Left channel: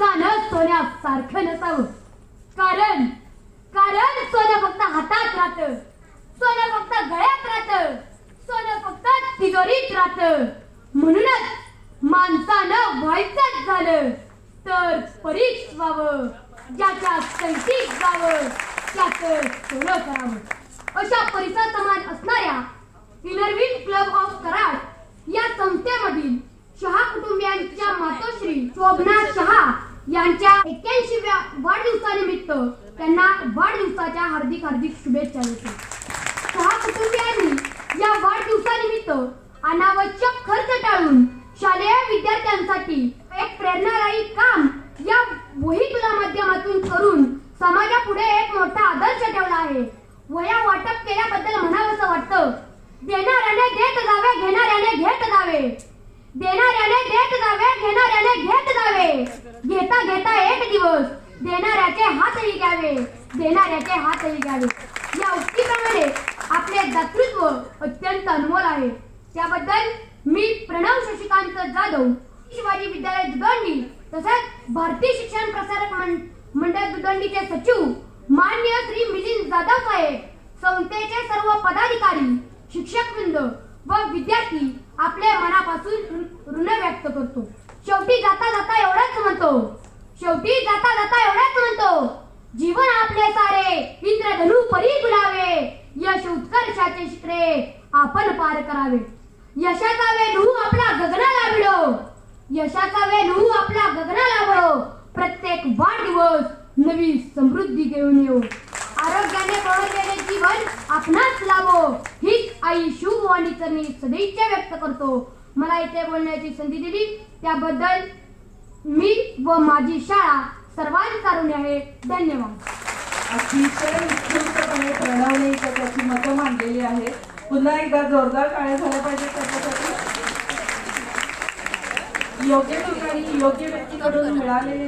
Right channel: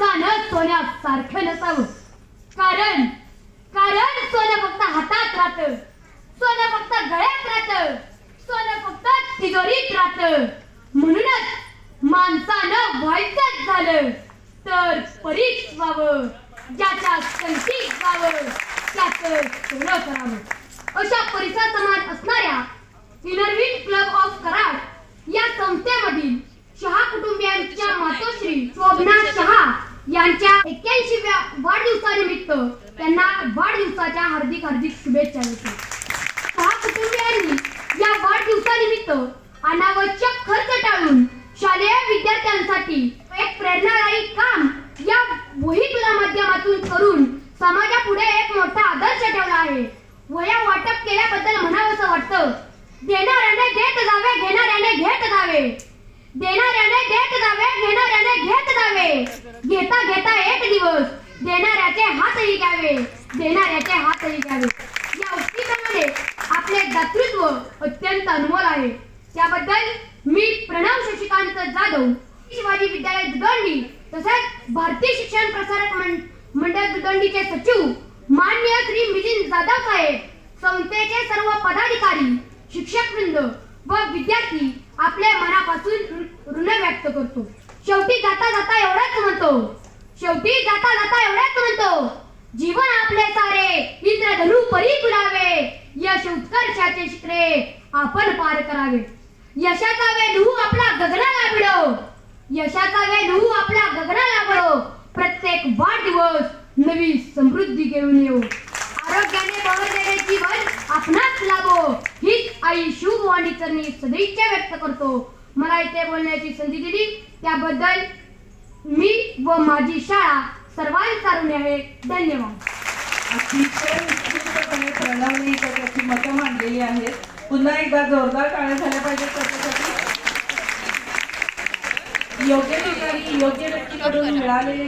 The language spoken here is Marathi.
माणसानच सोन्या सारखं नसावं. कारण कारण सोनं फक्त हातात राहत. सोनं फक्त गळ्यात राहत. सोनं फक्त तिजोरीत राहत. म्हणूनच माणसानं व्हायचंच झालं तर परीक्ष व्हावं. ज्याच्या संगीत व्हावं त्याच सोनं करावं. अशा परिसर समान असणाऱ्या इनरविन क्लब ऑफ कराड या संस्थेमधील शहा कुटुंबियांच्या मातोश्री शोभना शहा यांच्या एक्क्याऐंशीव्या वाढदिवसानिमित्त त्यांना वाढदिवसाच्या हार्दिक हार्दिक शुभेच्छा देतो. सहा कुटुंबियांनी या वाढदिवसानिमित्त अनावश्यक खर्च टाळून शालेय विद्यार्थ्यांसाठी एक प्रेरणादायी काम या वहीतुला माध्यमातून करून समाजापुढे एक मोठा आदर्श ठेवला आहे. वया वाटप केल्याबद्दल म्हणावंसं वाटतं. देणाऱ्याने देत जावे घेणाऱ्याने घेत जावे. देणाऱ्याने देत जावे घेणार घेता घेता एक दिवस. देणाऱ्याचे हातही घ्यावे. देणाऱ्याचे हातही घ्यावे. या उक्तीप्रमाणे आपले दातृत्व अत्यंत अनमोल आहे. त्याबद्दल मी प्रणव शशिकांत जाधव शिवाजी विद्यालय दुदंडी तसेच भारतीय शिक्षण प्रसारक मंडळ दुदंडीचे सचिव मान्य श्री मिलिंद जाधव साहेब संस्थेचे सर्व पदाधिकारी शिक्षक वृंद व विद्यार्थी आपल्या मनापासून ऋण व्यक्त करतो. शेवटी जाता जाता म्हणतो. शेवटी जाता जाता एवढ्याच म्हणतो. जीवन आपले सारे इंद्रधनु परी गुलावे यश उत्कर्षाचे शिखरे आपण पार करावे. यशाचा वेणू आपला गगनाला मिळो. यशाचा वेणू आपला गगनाला मिळो. प्रत्येक वाढदिवस नवी समृद्धी घेऊन येऊ. आरोग्याने बहरलेले जीवन आपणाच लाभो. हीच आई शुभ शिवभवानी चरणी सदैच्छा व्यक्त करतो. मला इथे बोलण्याची संधी दिली. त्याबद्दल मी व माझी शाळा सर्वांनी कारुण्य आहे. धन्यवाद. अतिशय उत्कृष्टपणे प्रणवने इथं त्याची मतं मांडलेली आहेत. पुन्हा एकदा जोरदार टाळ्या झाल्या पाहिजेत त्याच्यासाठी. योग्य ठिकाणी योग्य व्यक्तीकडून मिळालेले